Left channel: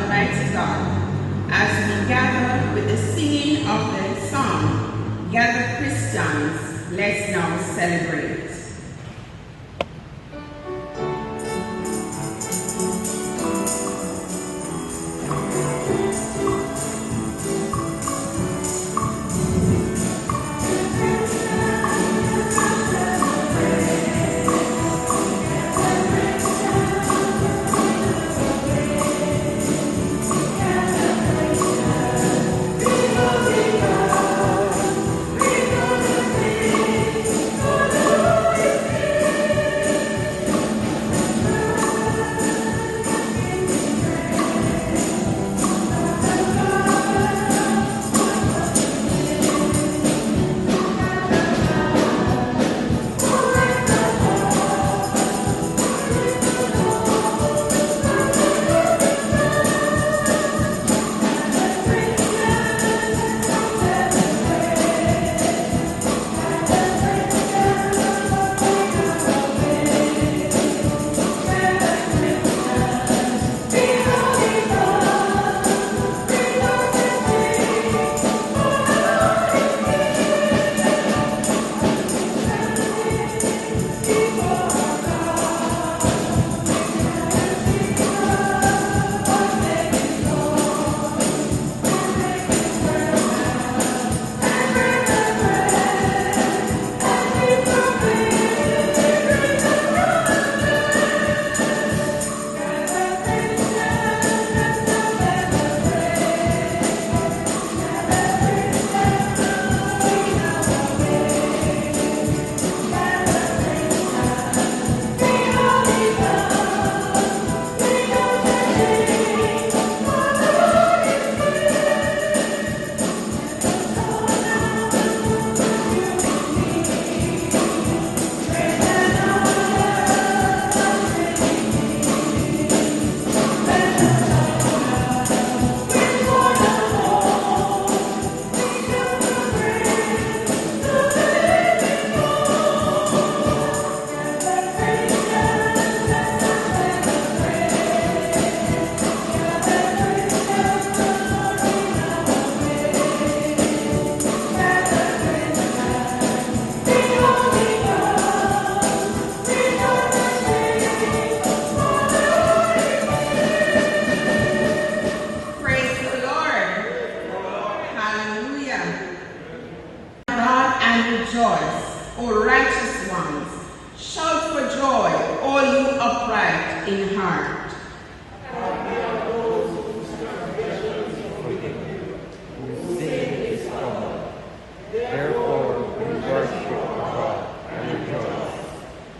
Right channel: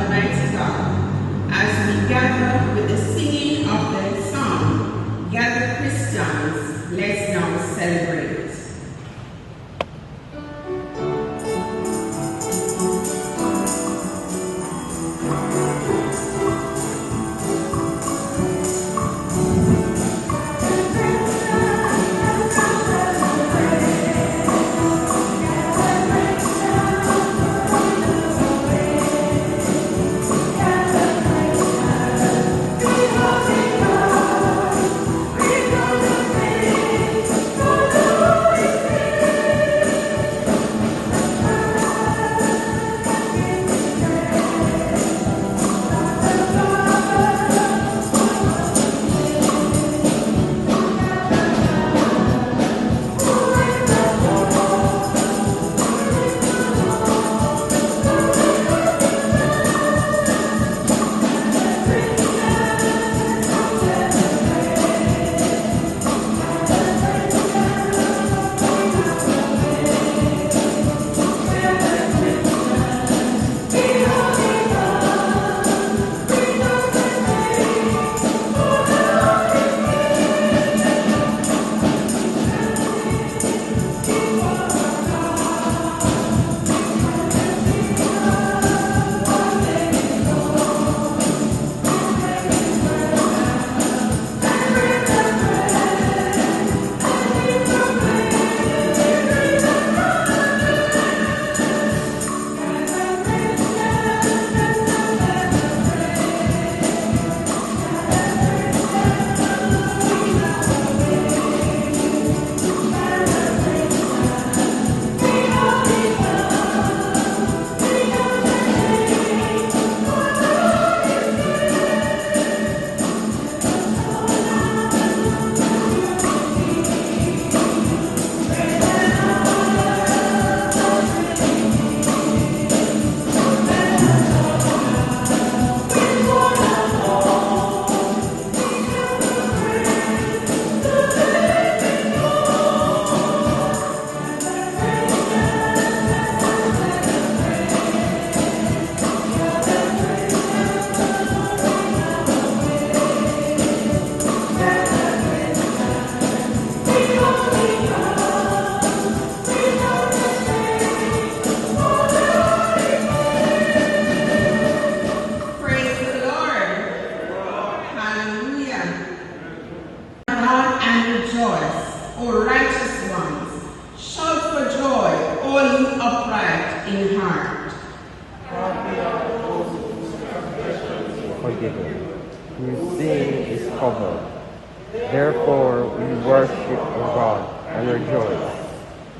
Almighty God, as we gather with the singing of the song, Gather Christians, let's now celebrate.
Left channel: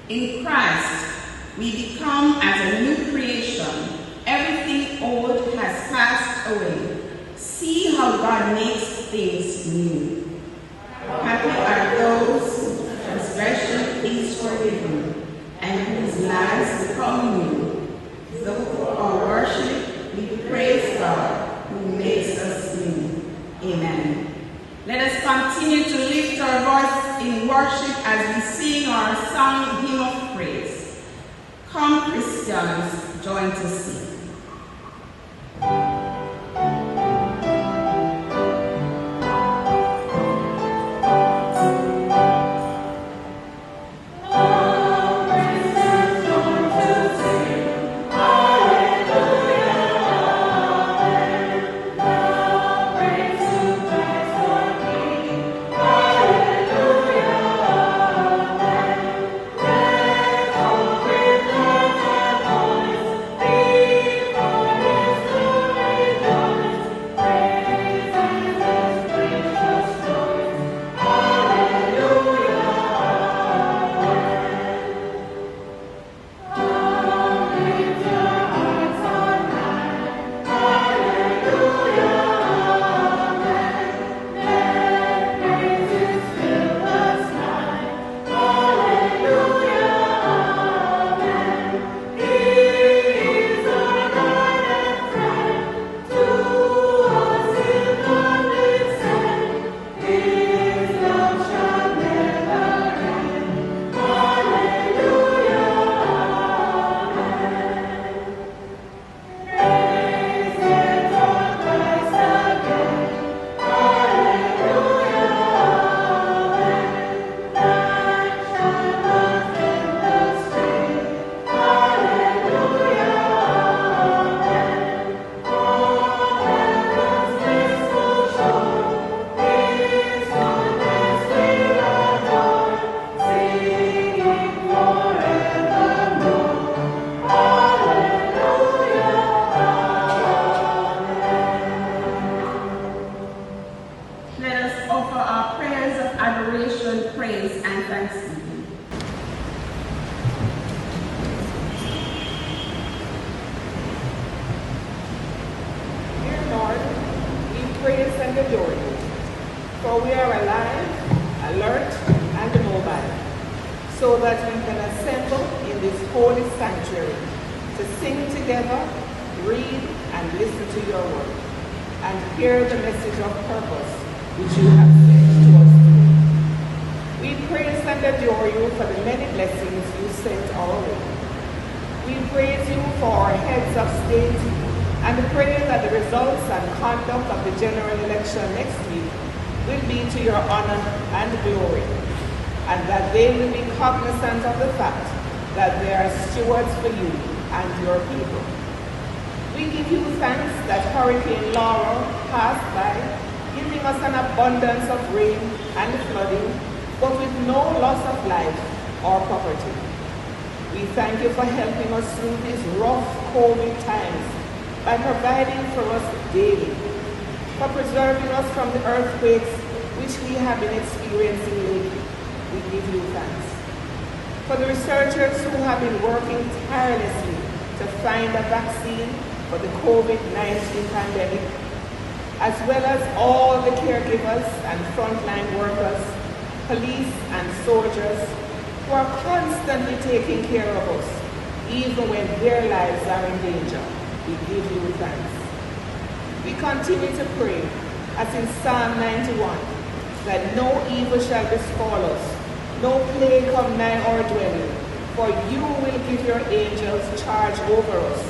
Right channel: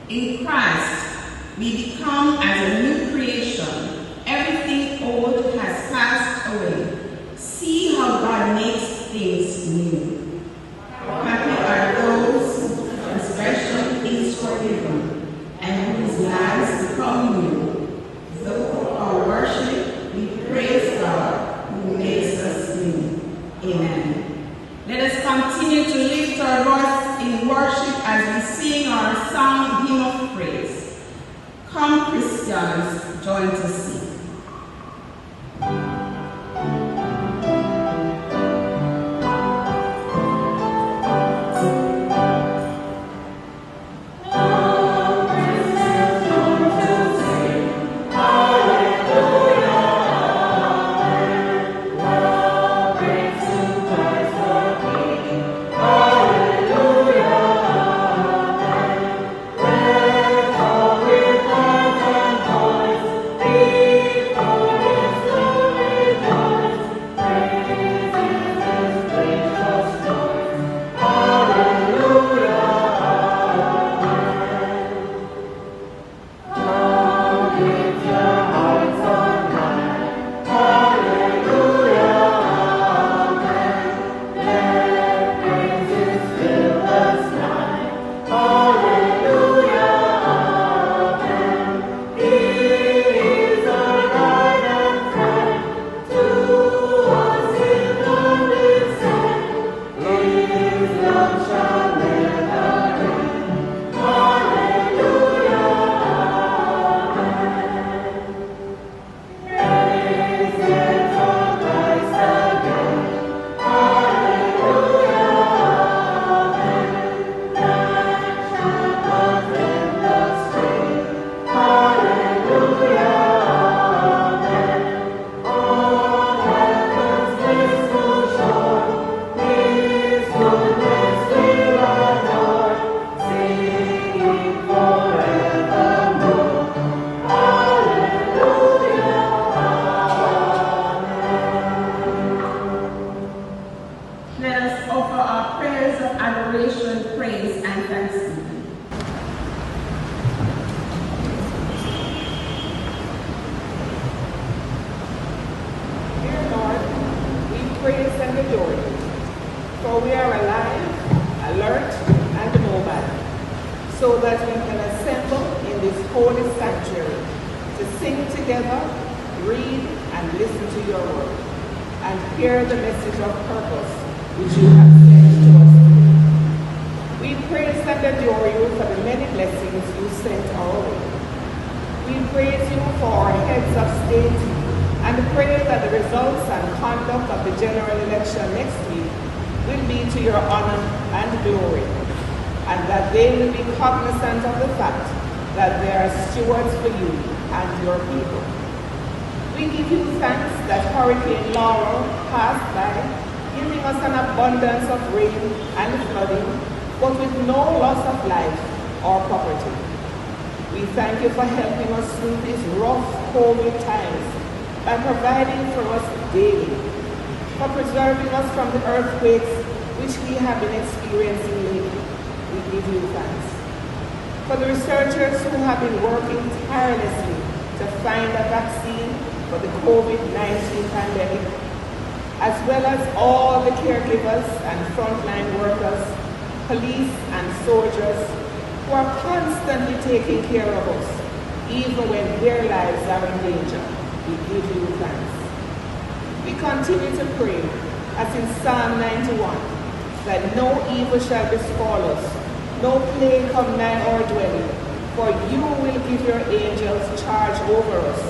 In Christ, we become as a new creation. Everything old has passed away. See how God makes things new. Happy are those whose transgression is forgiven and whose lives become new. Through our worship, we praise God who makes us new. Amen. Let us continue to lift our voice in worship as we sing our song, Hymn of Praise. Come, Christians, join to sing. praise and adore you, for we are alive, alert, and mobile, so that we can assemble in this holy sanctuary to sing together, read and listen to your word, and hear the message of purpose which you have sent to us today. We praise and adore you for the many blessings you sent our way. We praise you for our heads of state and pray that the results and conduct of the general election next week will be to your honor and glory, and that they will be cognizant of the fact that they are stewards for you and your people. We give you thanks that Hurricane Laura passed by, giving us an abundance of rain and flooding, but with no loss of life or property. We thank you for helping us through these rough COVID times by providing for us daily, for preserving us from the earthquakes which we have been experiencing lately. We give you thanks. For the researchers who have been working tirelessly to find a vaccine for the COVID-19 pandemic, as well as all the caregivers and frontline workers, police and soldiers who are constantly taking care of us, even when their lives are in danger. We give you thanks. We continue to pray, as in Psalm 91, that no evil shall befall us, no plague come nigh our dwelling, for you will give your angels charge over us,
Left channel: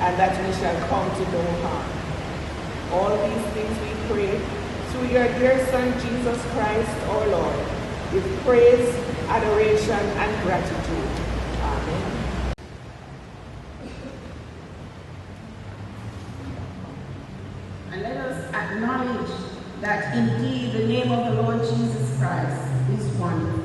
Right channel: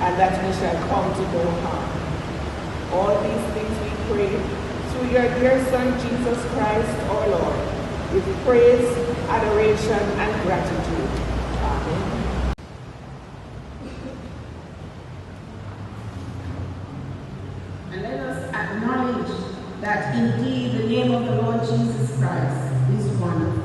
and that we shall come to no harm. All these things we pray through your dear Son, Jesus Christ, our Lord, with praise, adoration, and gratitude. Amen. And let us acknowledge that indeed the name of the Lord Jesus Christ is wonderful.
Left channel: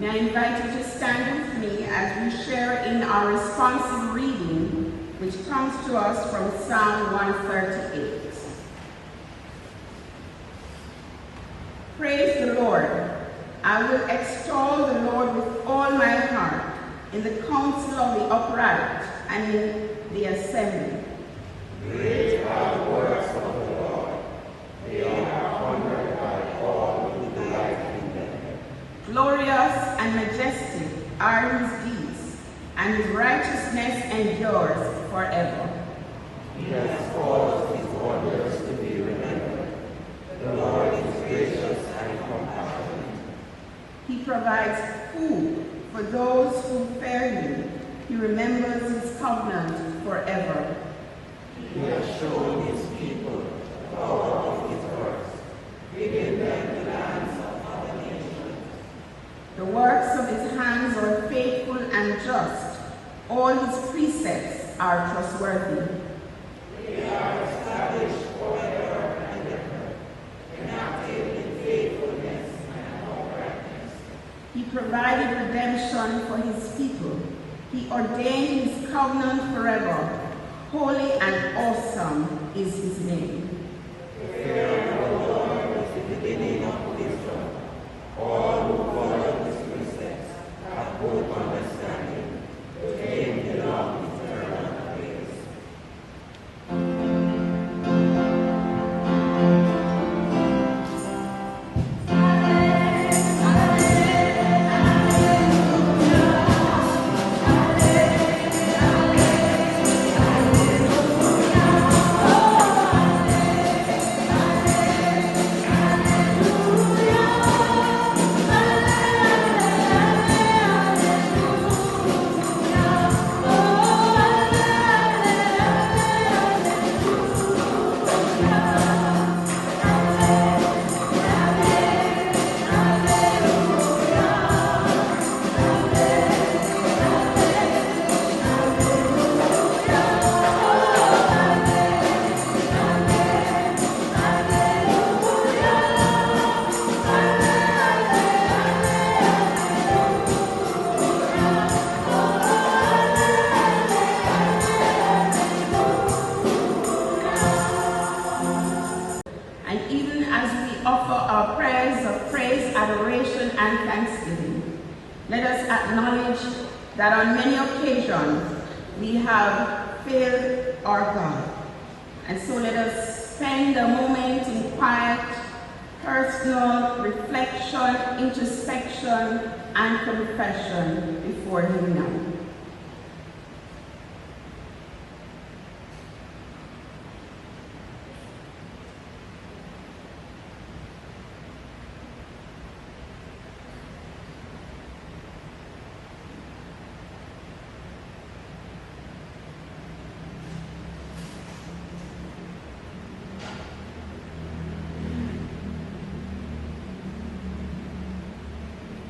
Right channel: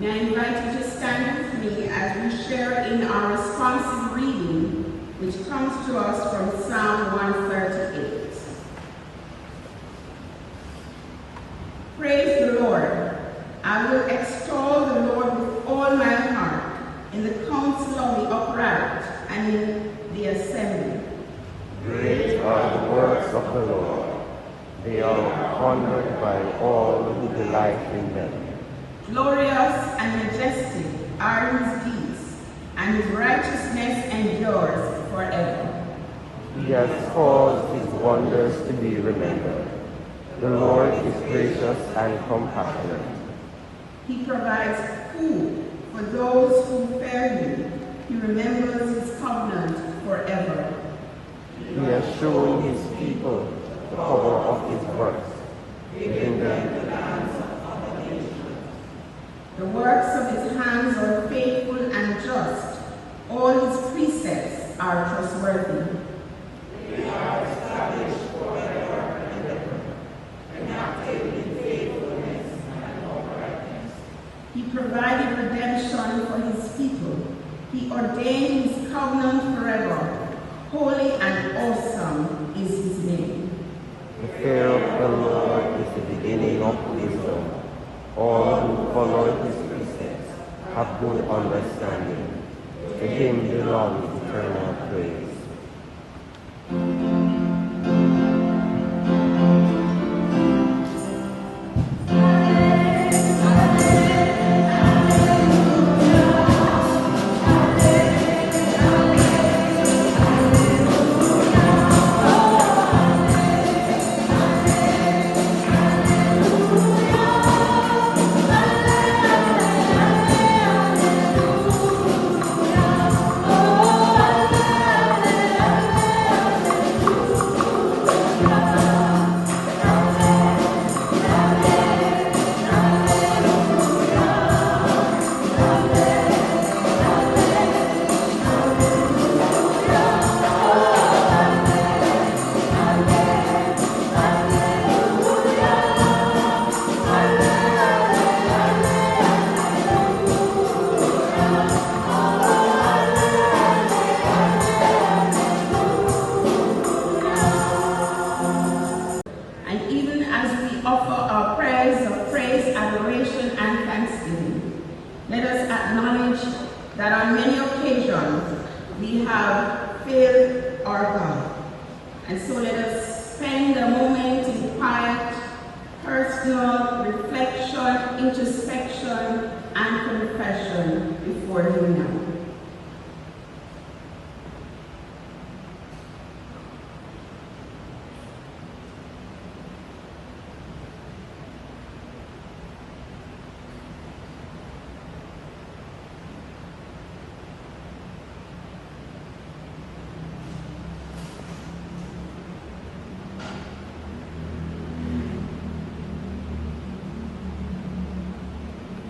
Now I invite you to stand with me as we share in our responsive reading, which comes to us from Psalm 138. Praise the Lord. I will extol the Lord with all my heart, in the council of the upright and in the assembly. Great are the works of the Lord. They are honored by all who delight in them. Glorious and majestic are his deeds, and his righteousness endures forever. He has caused his wonders to be remembered. The Lord is gracious and compassionate. He provides food for those who fear him. He remembers his covenant forever. He has shown his people the power of his works, giving them the lands of other nations. The works of his hands are faithful and just. All his precepts are trustworthy. They are established forever and ever, enacted in faithfulness and uprightness. He provided redemption for his people. He ordained his covenant forever. Holy and awesome is his name. The fear of the Lord is the beginning of wisdom. All who follow his precepts have good understanding. To him belongs eternal praise. And even as we offer our prayers of praise, adoration, and thanksgiving, let us acknowledge that on many occasions we have failed our God. And so let us spend a moment in quiet, personal reflection, introspection, and confession before him now.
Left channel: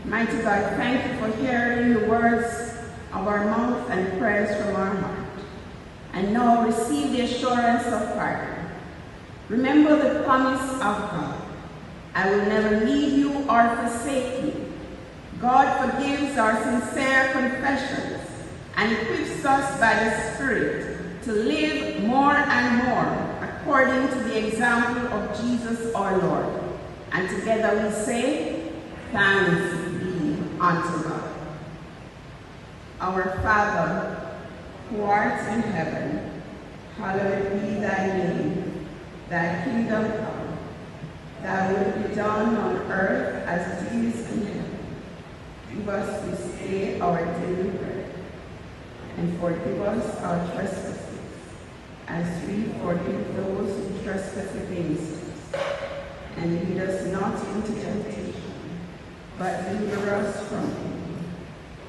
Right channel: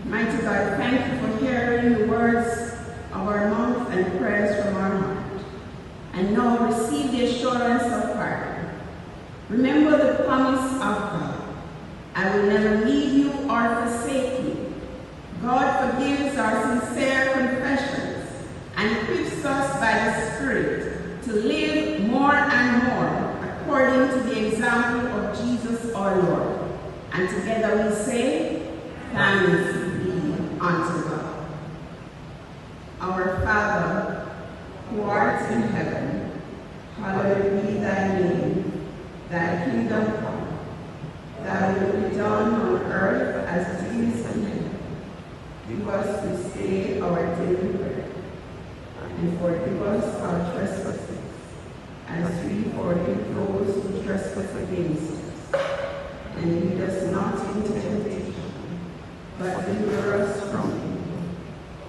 Mighty God, thank you for hearing the words of our mouth and prayers from our heart. And now receive the assurance of pardon. Remember the promise of God. I will never leave you or forsake you. God forgives our sincere confessions and equips us by the Spirit to live more and more according to the example of Jesus our Lord. And together we say, thanks be unto God. Our Father, who art in heaven, hallowed be thy name. Thy kingdom come. Thy will be done on earth as it is in heaven. Give us this day our daily bread, and forgive us our trespasses, as we forgive those who trespass against us. And lead us not into temptation, but deliver us from evil.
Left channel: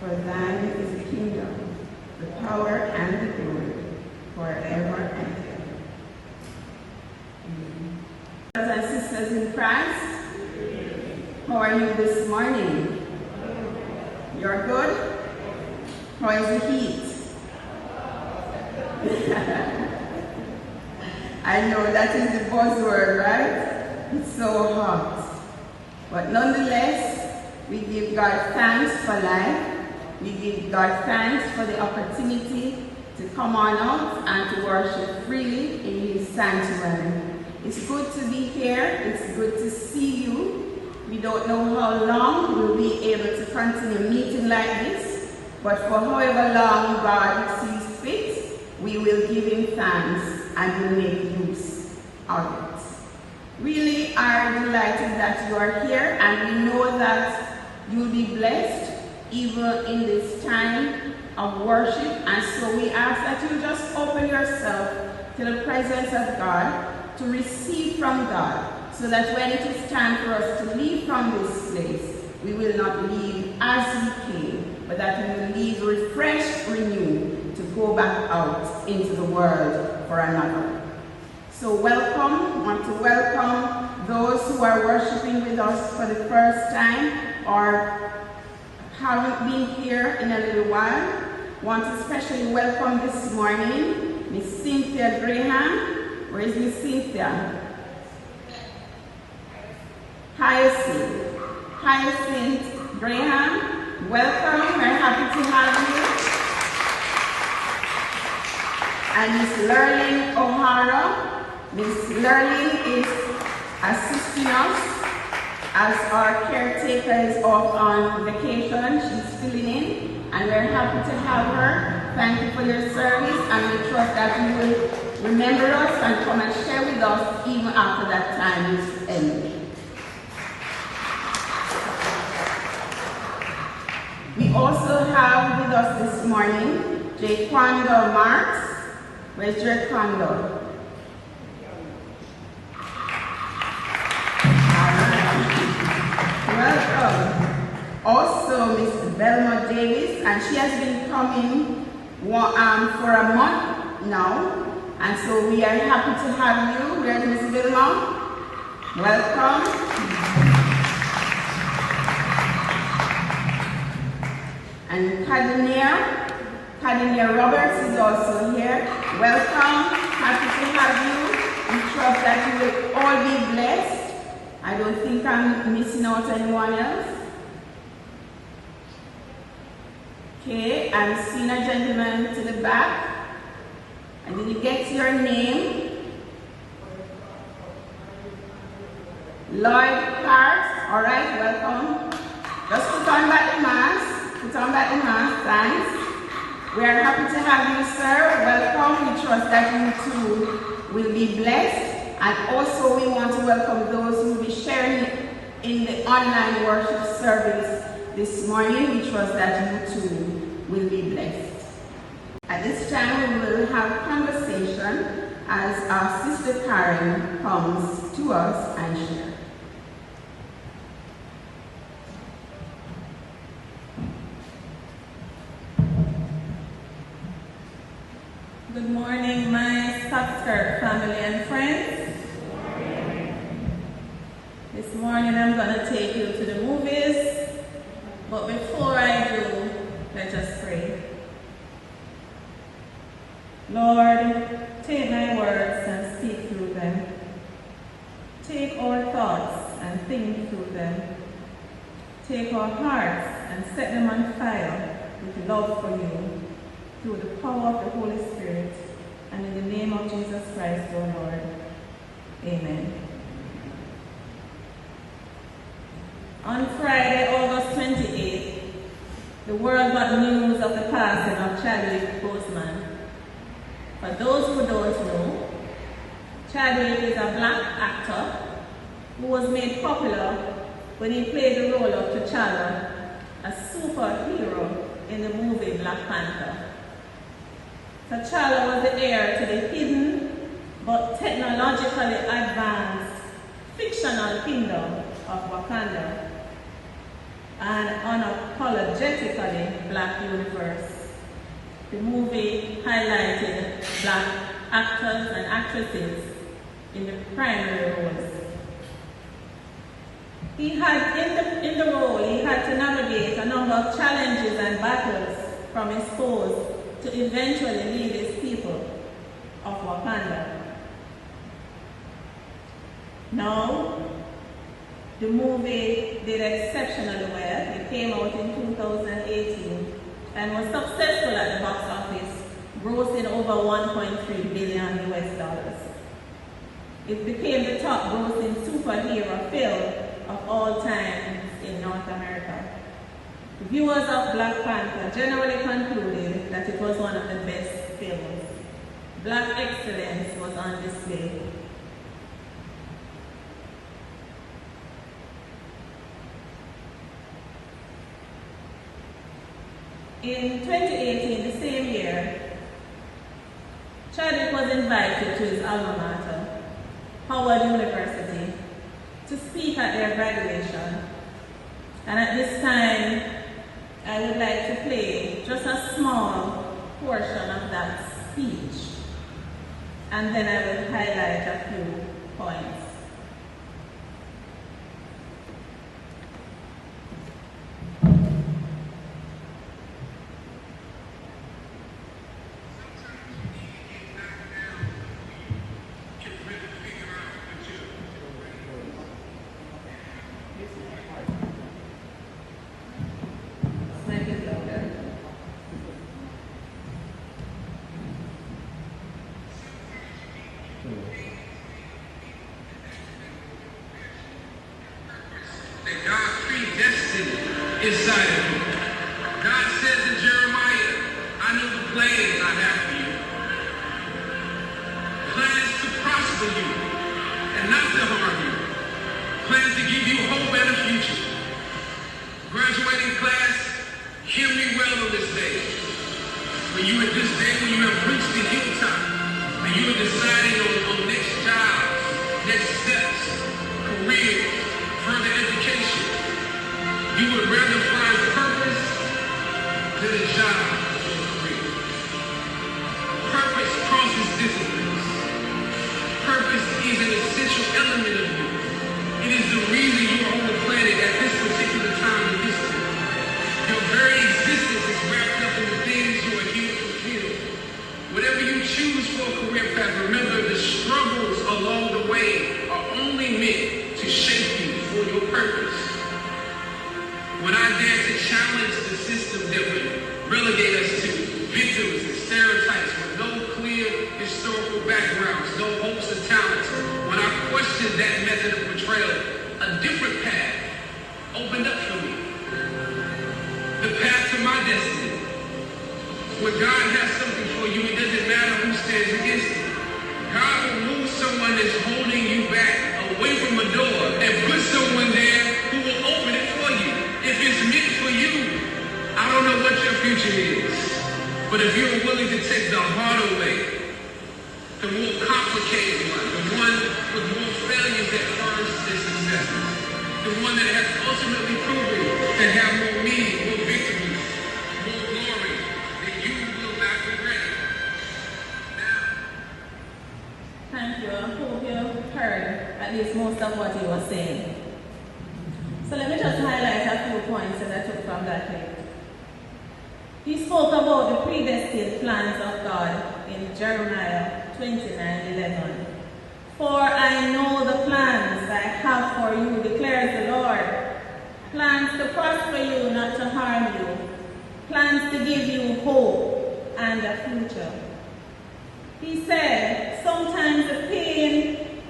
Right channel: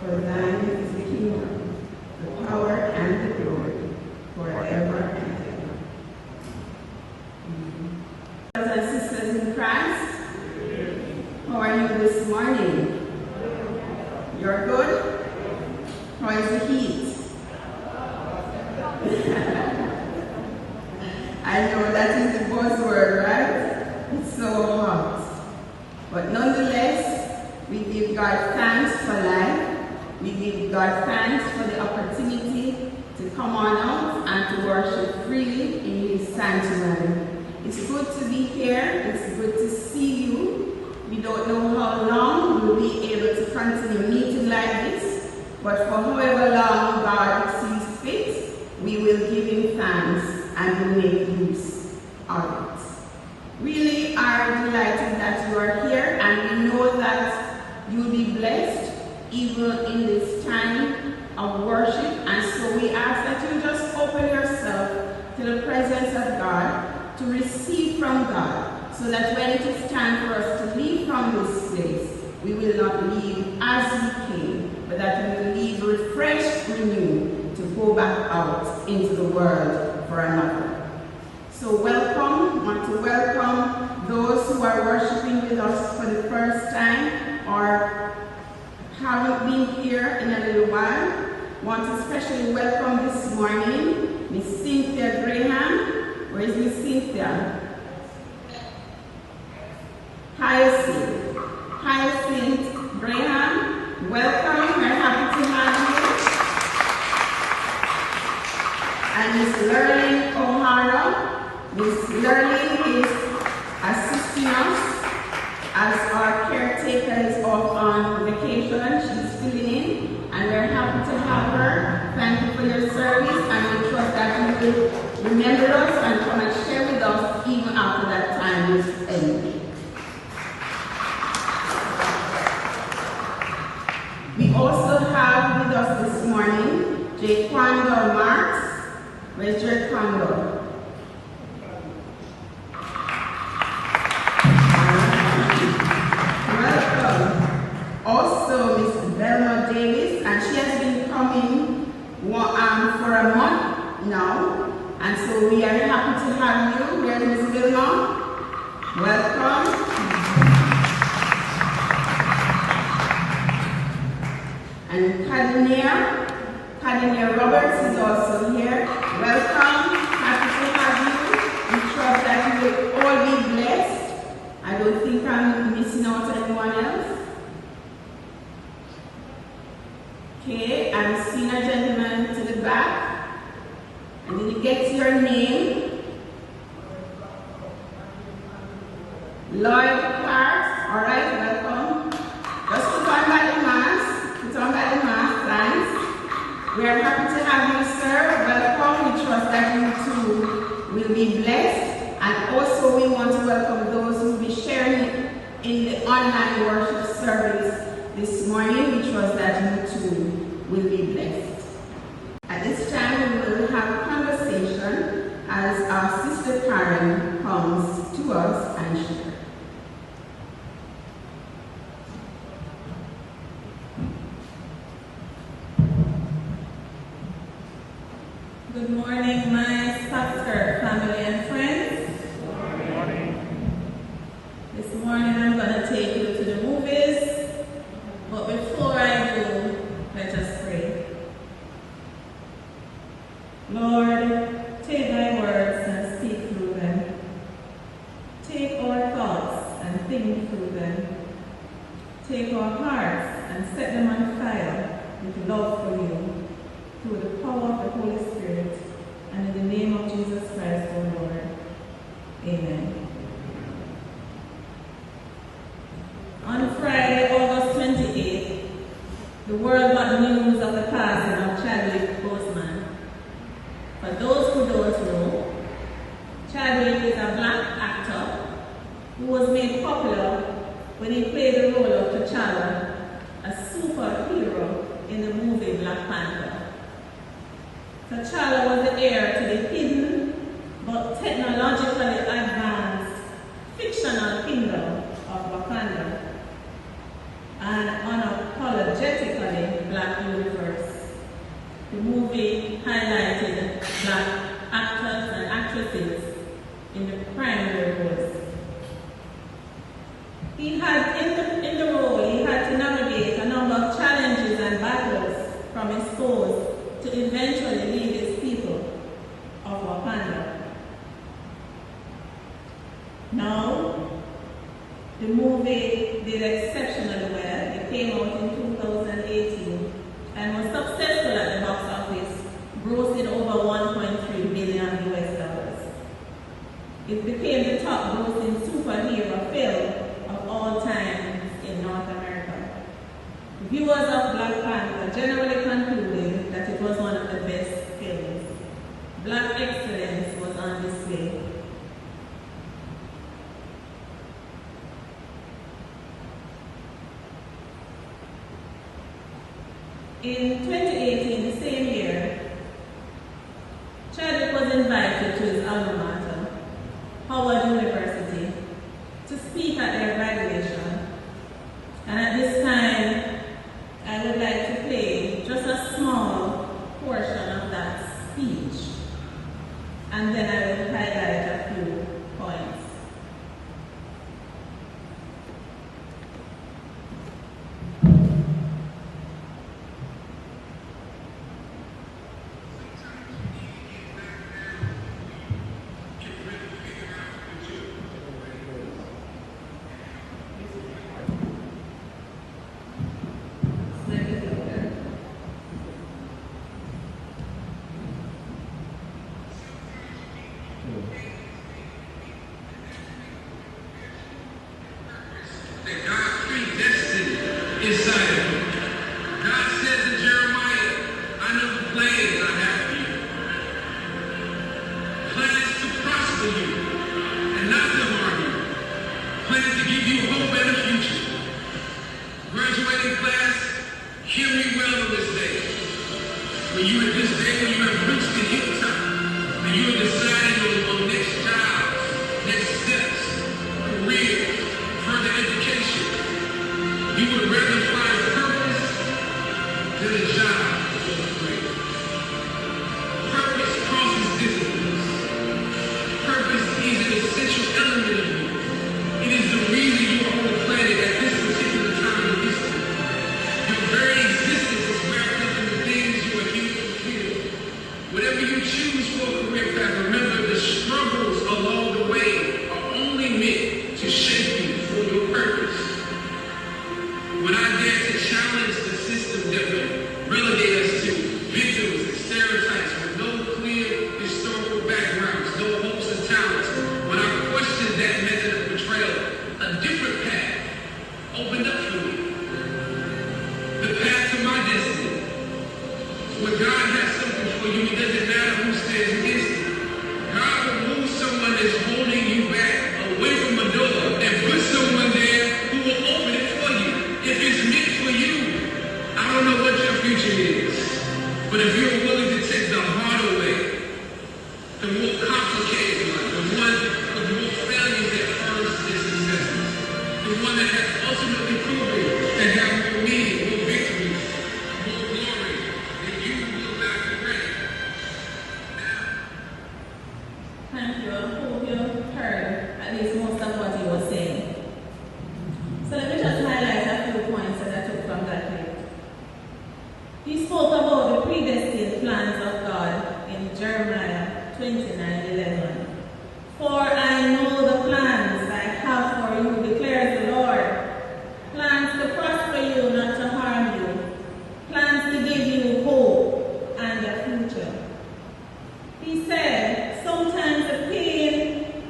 For thine is the kingdom, the power, and the glory, forever and ever. Amen. Brothers and sisters in Christ, how are you this morning? You're good? How is the heat? I know that is the buzzword, right? It's so hot. But nonetheless, we give God thanks for life. We give God thanks for the opportunity to come on out and to worship freely in His sanctuary. It's good to be here. It's good to see you. We don't know how long we will be able to continue meeting like this, but for however long God sees fit, we will give Him thanks and will make use of it. Really are delighted that you are here, and we know that you'll be blessed even in this time of worship. And so we ask that you just open yourself to the presence of God, to receive from God, so that when it is time for us to leave from this place, we will not leave as we came, but that we will leave refreshed, renewed, to go back out into the world for another. So welcome. I want to welcome those who are worshiping with us for the first time or haven't been here in a little while. I want to especially welcome this morning Miss Cynthia Graham. Where is Miss Cynthia? Hyacinth Graham. Welcome, we're happy to have you. And Miss Lurleen O'Hara. Miss Lurleen is assisting us as our caretaker is off on vacation. She's filling in, and we're happy to have her. Thank you for your service, and we trust that you will remember us and come and share with us even after that time is ended. We also have with us this morning Jaquando Marks. Where's Jaquando? Welcome. Also, Miss Velma Davis, and she has been coming for a month now, and so we are happy to have you. Where's Miss Velma? Welcome. And Kadenia Roberts is also here. Welcome, happy to have you. We trust that you will all be blessed. I don't think I'm missing out anyone else. Okay, I'm seeing a gentleman to the back. And did you get your name? Lloyd Clark. All right, welcome. Just put on back the mask. Put on back the mask, thanks. We are happy to have you, sir. Welcome. We trust that you too will be blessed. And also we want to welcome those who will be sharing in the online worship service this morning. We trust that you too will be blessed. At this time, we will have a conversation as our sister Karen comes to us and shares. Good morning, my Softskirt family and friends. Good morning. This morning I'm going to take you to the movies, but before I do, let us pray. Lord, take thy words and speak through them. Take our thoughts and think through them. Take our hearts and set them on fire with love for you, through the power of the Holy Spirit, and in the name of Jesus Christ, our Lord. Amen. On Friday, August 28th, the world got the news of the passing of Chadwick Boseman. For those who don't know, Chadwick is a black actor who was made popular when he played the role of T'Challa, a superhero in the movie Black Panther. T'Challa was the heir to the hidden but technologically advanced fictional kingdom of Wakanda, an unapologetically black universe. The movie highlighted black actors and actresses in the primary roles. In the role, he had to navigate a number of challenges and battles from his foes to eventually lead his people of Wakanda. Now, the movie did exceptionally well. It came out in 2018 and was successful at the box office, grossing over $1.3 billion US. It became the top grossing superhero film of all time in North America. Viewers of Black Panther generally concluded that it was one of the best films. Black excellence was on display. In 2018, the same year, Chadwick was invited to his alma mater, Howard University, to speak at their graduation. And at this time, I would like to play just a small portion of that speech, and then I will highlight a few points. inside of you. God says to Jeremiah, I know the plans I have for you. Plans to prosper you and not to harm you. Plans to give you hope and a future. Graduating class, hear me well on this day. When you at this day, when you have reached the hilltop, and you are deciding on next jobs, next steps, career, further education, you would rather find purpose than a job or a career. Purpose crosses disciplines. Purpose is an essential element of you. It is the reason you are on the planet at this particular time in history. Your very existence is wrapped up in the things you are here to fulfill. Whatever you choose for a career path, remember the struggles along the way are only meant to shape you for your purpose. When I dare to challenge the system that would relegate us to victims and stereotypes with no clear historical backgrounds, no hopes and talents, when I question that method of portrayal, a different path opened up for me. The path to my destiny. When God has something for you, it doesn't matter who stands against it. God will move someone that's holding you back away from a door and put someone there who will open it for you. If it's meant for you, I don't know what your future is, but if you're willing to take the harder way, the more complicated one, the one with more failures that turns to successes, the one that has ultimately proven to have more meaning, more victories, more glory, then you will not regret it. Now, Thank you. I hope you heard at least most of what he was saying. So let me just highlight a few points that I took from that clip. He spoke about the predestined plans of God in Jeremiah 29:11. For I know the plans I have for you, declares the Lord. Plans to prosper you, not to harm you. Plans to give you hope and a future. He said, sometimes the pain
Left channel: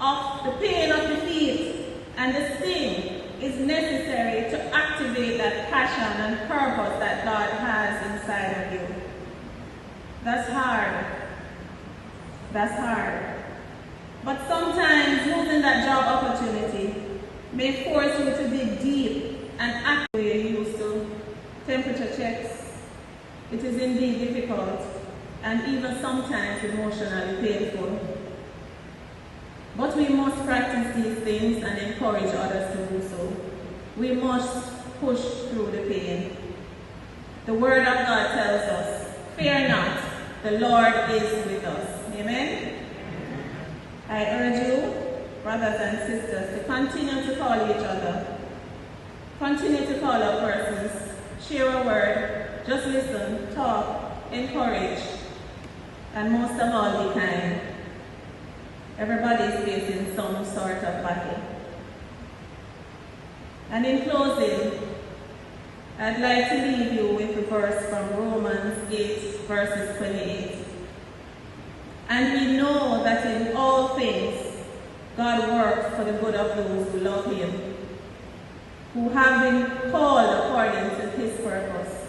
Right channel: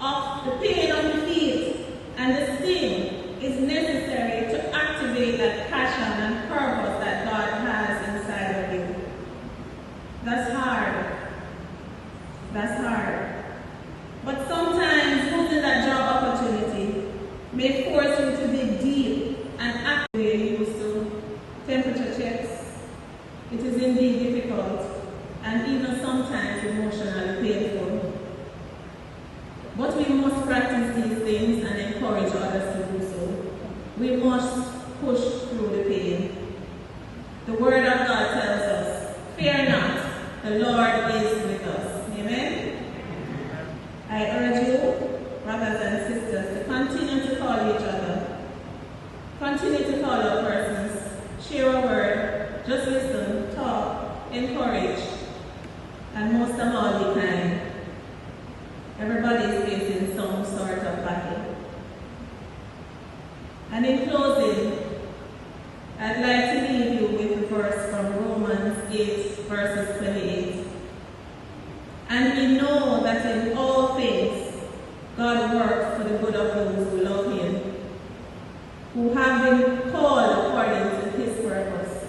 of defeat and the sting is necessary to activate that passion and purpose that God has inside of you. That's hard. That's hard. But sometimes losing that job opportunity may force you to dig deep and actively used to temperature checks. It is indeed difficult and even sometimes emotionally painful. But we must practice these things and encourage others to do so. We must push through the pain. The Word of God tells us, fear not, the Lord is with us. Amen? I urge you, brothers and sisters, to continue to call each other. Continue to call out persons. Share a word. Just listen, talk, encourage, and most of all, be kind. Everybody is facing some sort of battle. And in closing, I'd like to leave you with the verse from Romans 8, verses 28. And we know that in all things, God works for the good of those who love Him, who have been called according to His purpose.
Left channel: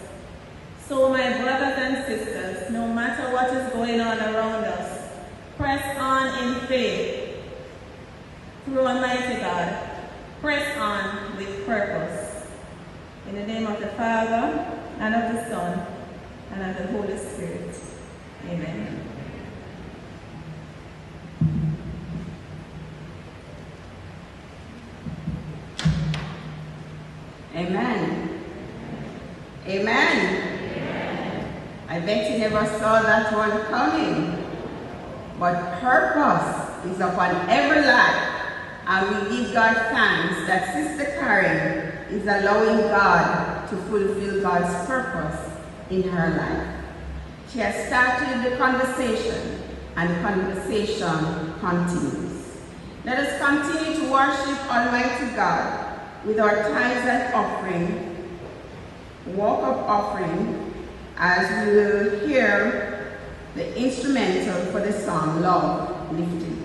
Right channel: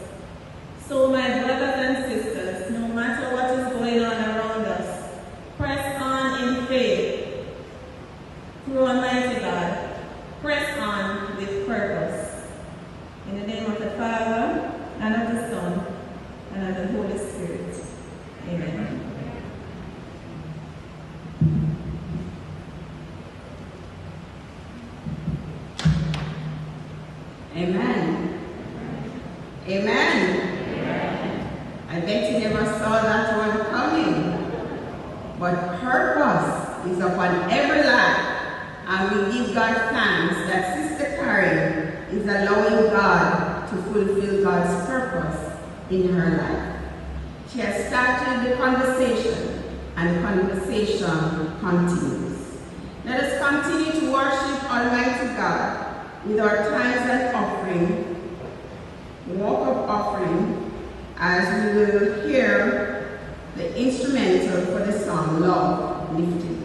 So my brothers and sisters, no matter what is going on around us, press on in faith through Almighty God. Press on with purpose. In the name of the Father, and of the Son, and of the Holy Spirit. Amen. Amen. Amen. I bet you never saw that one coming. But purpose is upon every life. And we give God thanks that Sister Karen is allowing God to fulfill God's purpose in her life. She has started the conversation, and the conversation continues. Let us continue to worship Almighty God with our tithes and offering, walk-up offering, as we will hear the instrumental for the song, Love Lifted Me.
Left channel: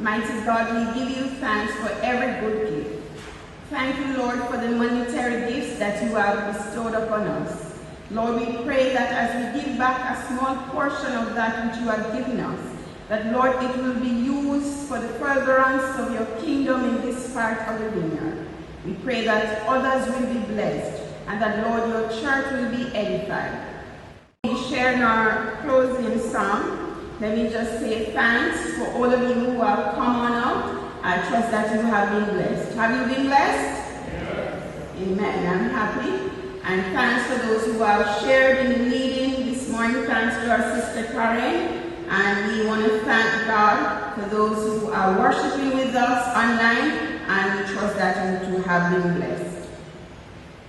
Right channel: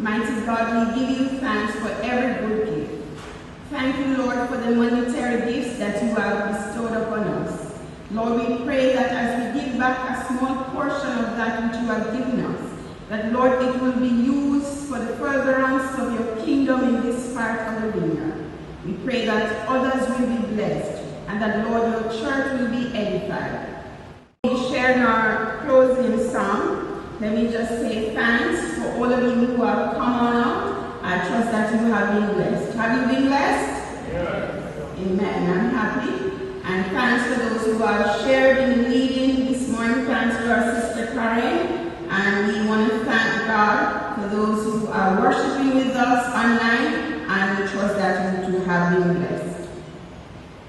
Mighty God, we give you thanks for every good gift. Thank you, Lord, for the monetary gifts that you have bestowed upon us. Lord, we pray that as we give back a small portion of that which you have given us, that, Lord, it will be used for the furtherance of your kingdom in this part of the vineyard. We pray that others will be blessed and that, Lord, your church will be edified. We share in our closing song. Let me just say thanks for all of you who have come on up. I trust that you have been blessed. Have you been blessed? Yes. Amen. I'm happy. And thanks for those who have shared in the leading this morning. Thanks to our sister Karen. And we want to thank God for those who are worshiping with us online. And we trust that you too have been blessed.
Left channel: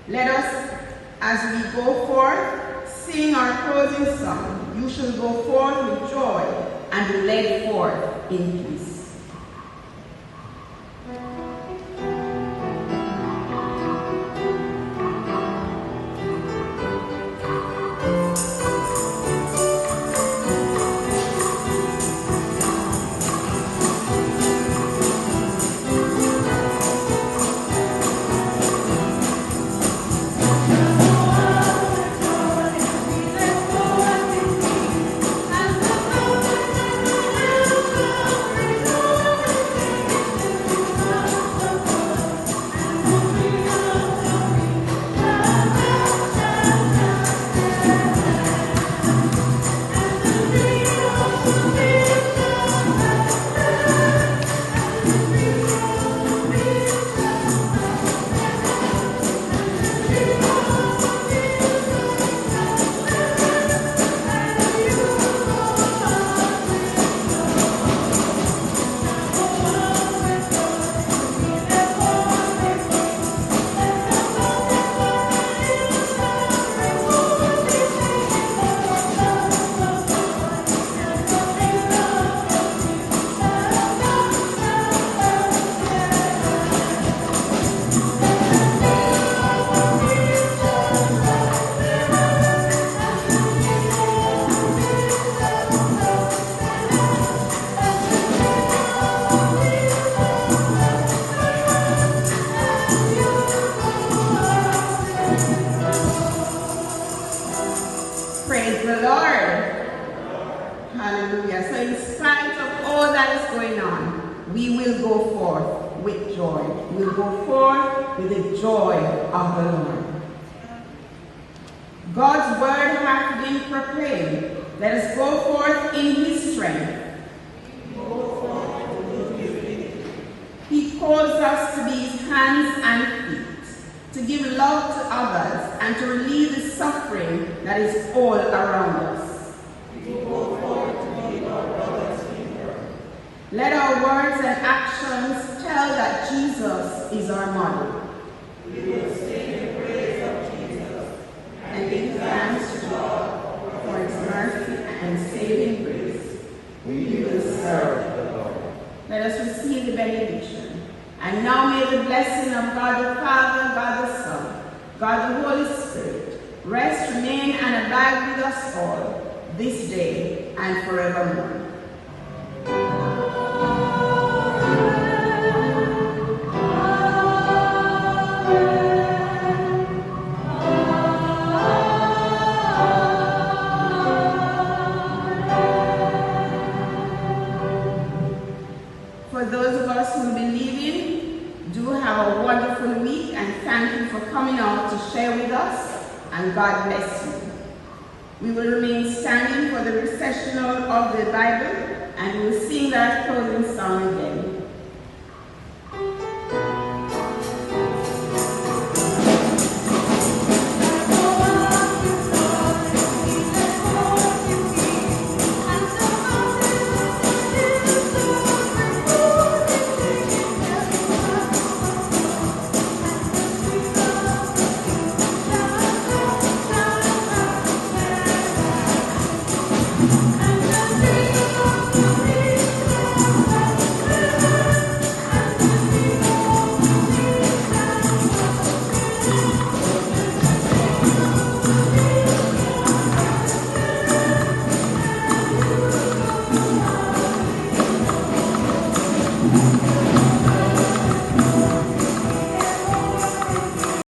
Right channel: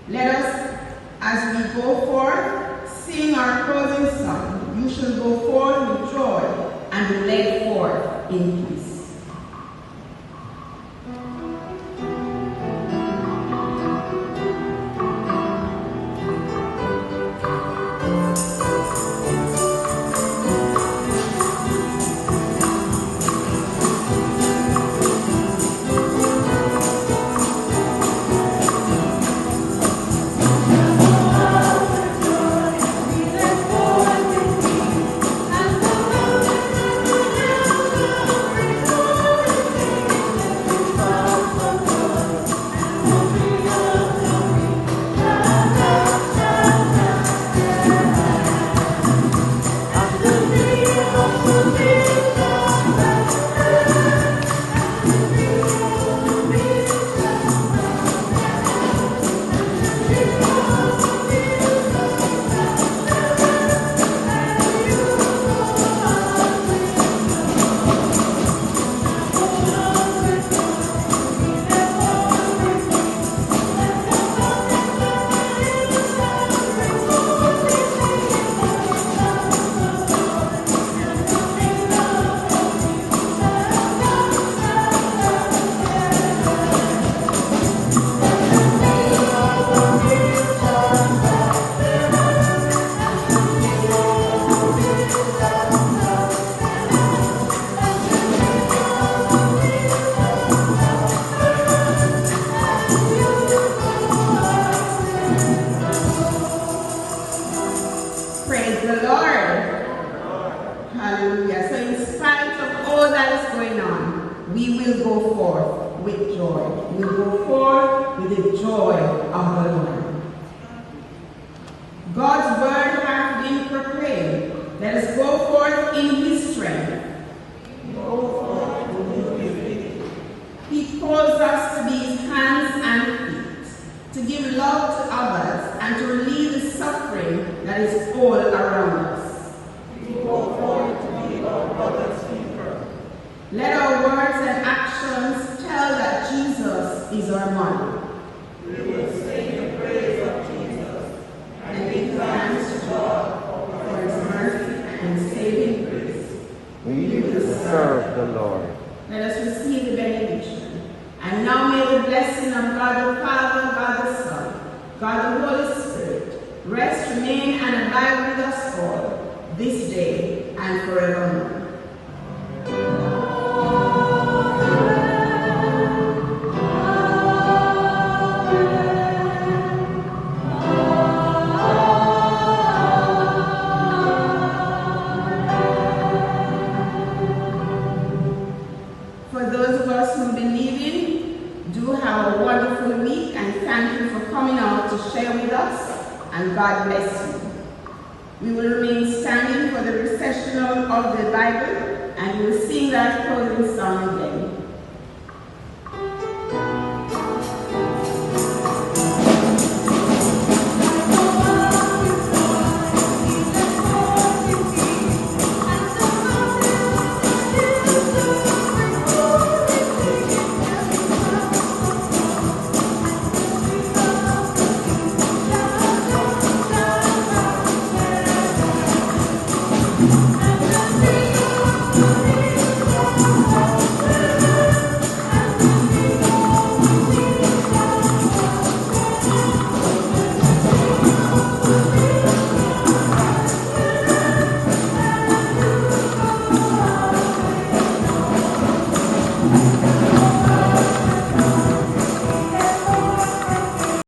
Let us, as we go forth, sing our closing song. You shall go forth with joy and be led forth in peace. Praise the Lord. Hallelujah. So in spite of all that is going on, we will go forth with joy. We'll go forth with the joy of the Lord. God's word hath been proclaimed. Let us go forth in his strength. He calls us to be his hands and feet, to give love to others, and to relieve the suffering that is all around us. Let our words and actions tell that Jesus is our model. We will sing in praise of Jesus and give thanks to God for his mercy and saving grace. We will serve the Lord. Let us receive the benediction. And now may the blessing of God the Father, God the Son, God the Holy Spirit, rest, remain, and abide with us all, this day and forevermore. For those of us who believe in, do have a wonderful week, and thank you for coming out to share with us, and God bless you. We will remain standing for the recessional of the Bible, and we will sing that closing song again.